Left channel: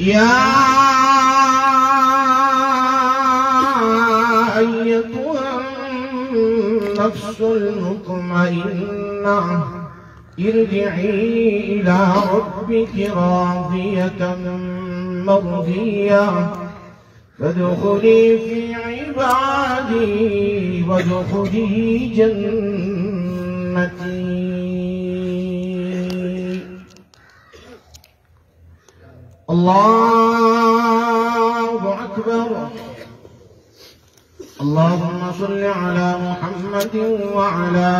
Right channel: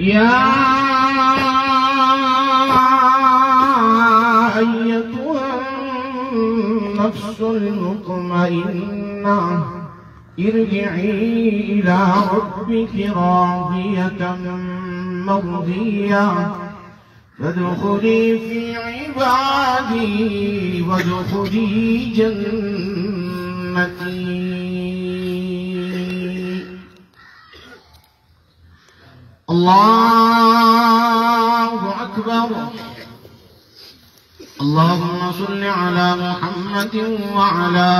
يا أيتها النفس المطمئنة ارجعي إلى ربك راضية مرضية فادخلي في عبادي وادخلي جنتي. الله أكبر. اللهم صل على محمد وعلى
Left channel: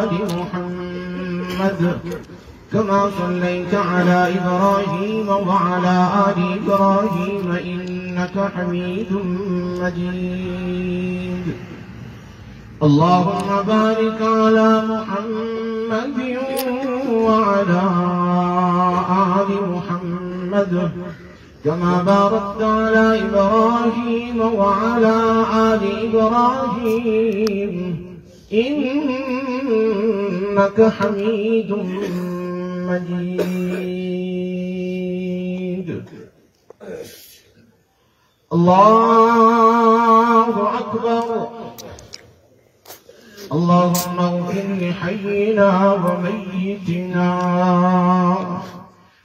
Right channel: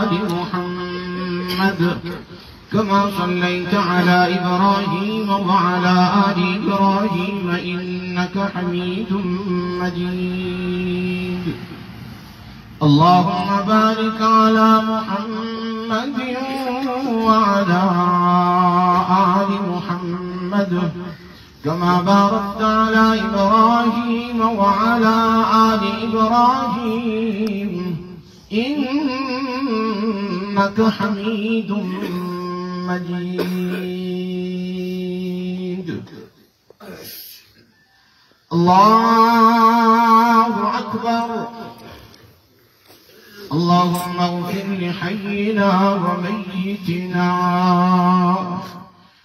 آل محمد كما صليت على إبراهيم وعلى آل إبراهيم إنك حميد مجيد. اللهم بارك على محمد وعلى آل محمد كما باركت على إبراهيم وعلى آل إبراهيم إنك حميد مجيد. الله أكبر. اللهم اغفر لحينا وميتنا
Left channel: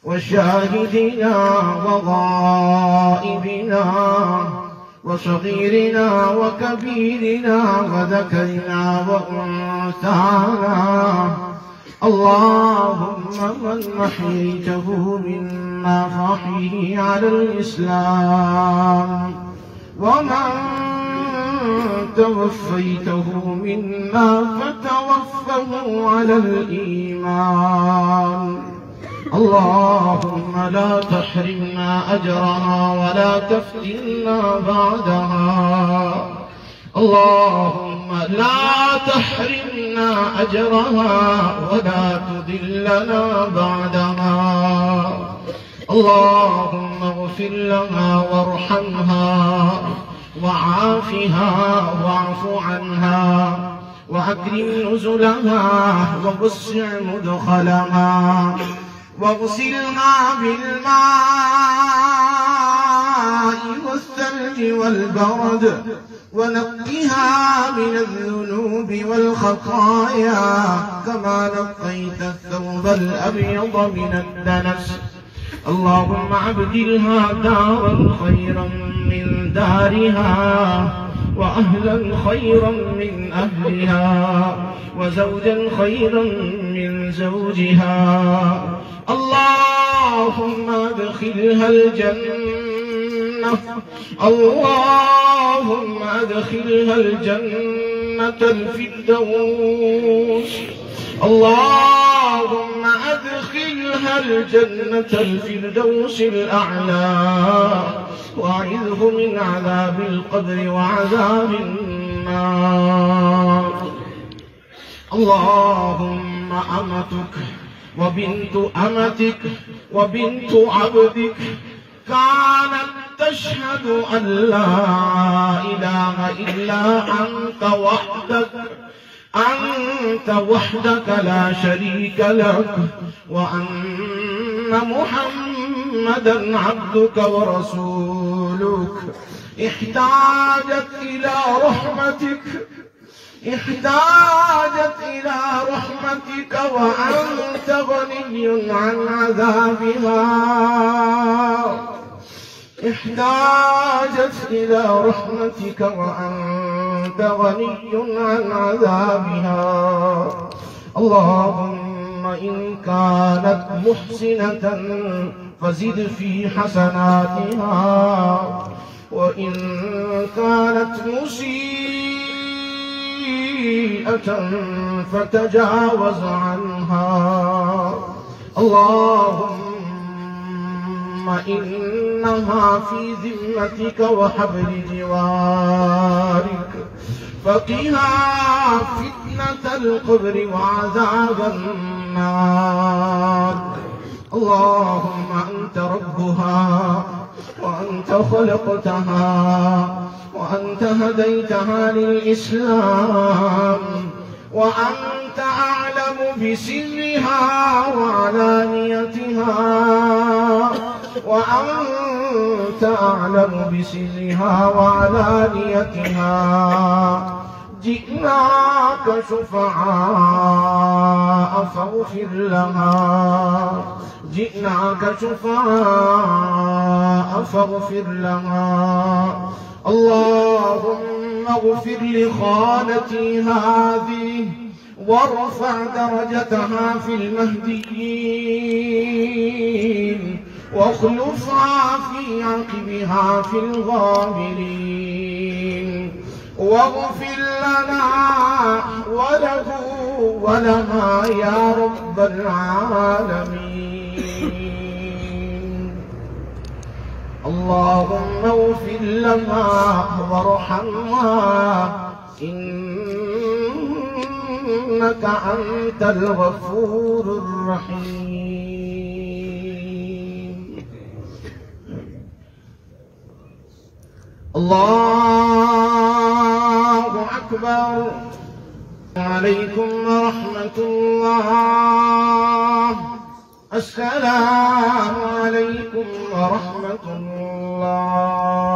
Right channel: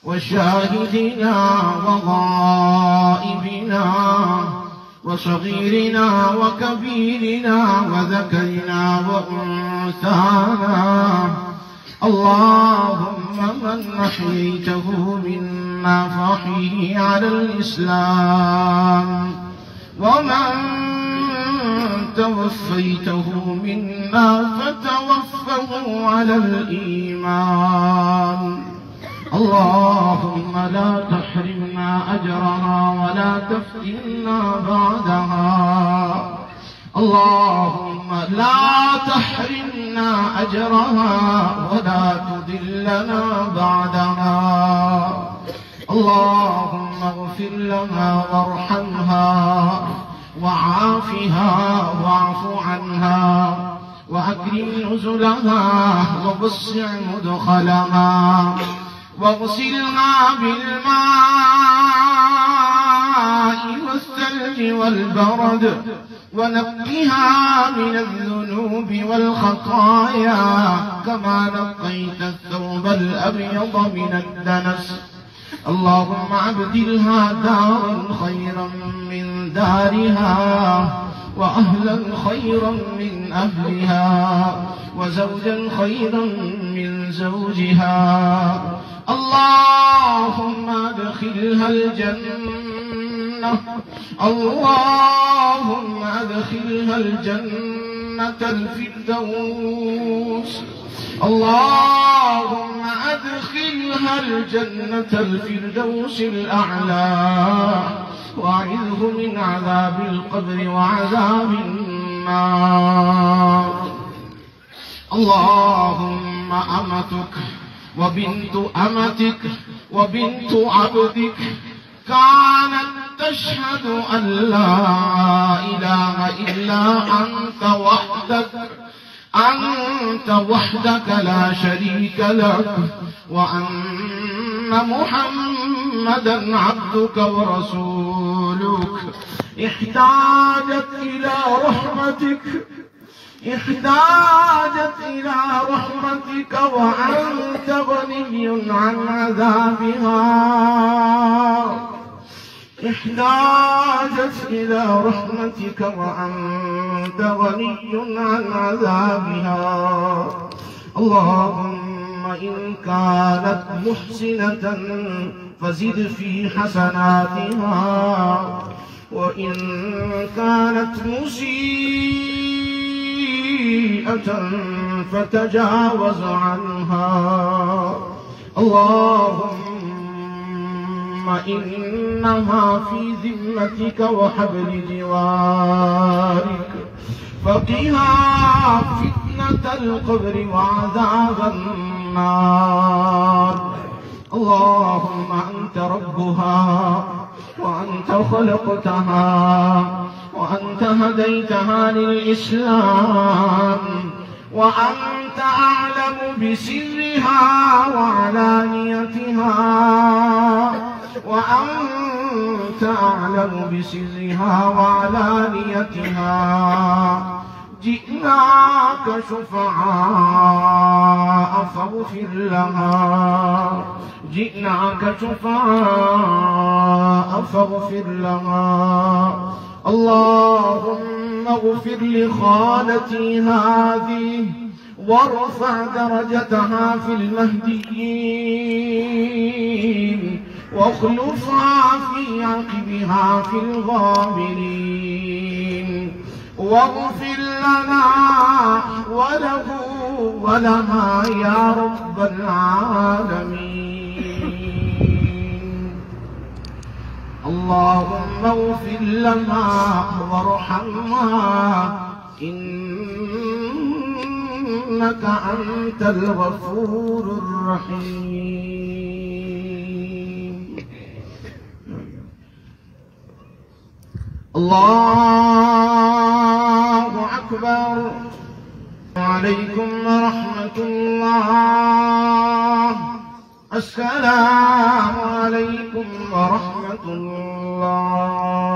وشاهدنا وغائبنا وصغيرنا وكبيرنا وذكرنا وأنثانا. اللهم من أحييته منا فأحيه على الإسلام ومن توفيته منا فتوفه على الإيمان. اللهم لا تحرمنا أجرها ولا تفتنا بعدها. اللهم لا تحرمنا أجرها ولا تذلنا بعدها. اللهم اغفر لها وارحمها وعافها واعف عنها وأكرم نزلها ووسع مدخلها واغسلها بالماء والثلج والبرد ونقها من الذنوب والخطايا كما نقيت الثوب الأبيض من الدنس. اللهم أبدلها دارا خيرا من دارها وأهلا خيرا من أهلها وزوجا خيرا من زوجها. اللهم ادخلها الجنة. اللهم ادخلها الجنة الفردوس. اللهم ادخلها الجنة الفردوس الأعلى وأعذه من عذاب القبر وعذاب النار. اللهم أمتك وبنت أمتك وبنت عبدك كانت تشهد أن لا إله إلا أنت وحدك لا شريك لك وأن محمدا عبدك ورسولك احتاجت إلى رحمتك وأنت غني عن عذابها. احتاجت إلى رحمتك وأنت غني عن عذابها. اللهم إن كانت محسنة فزد في حسناتها وإن كانت مسيئة فتجاوز عنها. اللهم إنها في ذمتك وحبل جوارك فقها فتنة القبر وعذاب النار. اللهم أنت ربها وأنت خلقتها وأنت هديتها للإسلام وأنت أعلم بسرها وعلانيتها وأنت أنت أعلم بسرها وعلانيتها. جئناك شفعاء فاغفر لها، جئناك شفعاء فاغفر لها. اللهم اغفر لخالتي هذه وارفع درجتها في المهديين واخلفها في عقبها في الغابرين، واغفر لنا وله ولها يا رب العالمين. اللهم اغفر لها وارحمها إنك أنت الغفور الرحيم. الله أكبر. عليكم ورحمة الله. السلام عليكم ورحمة الله.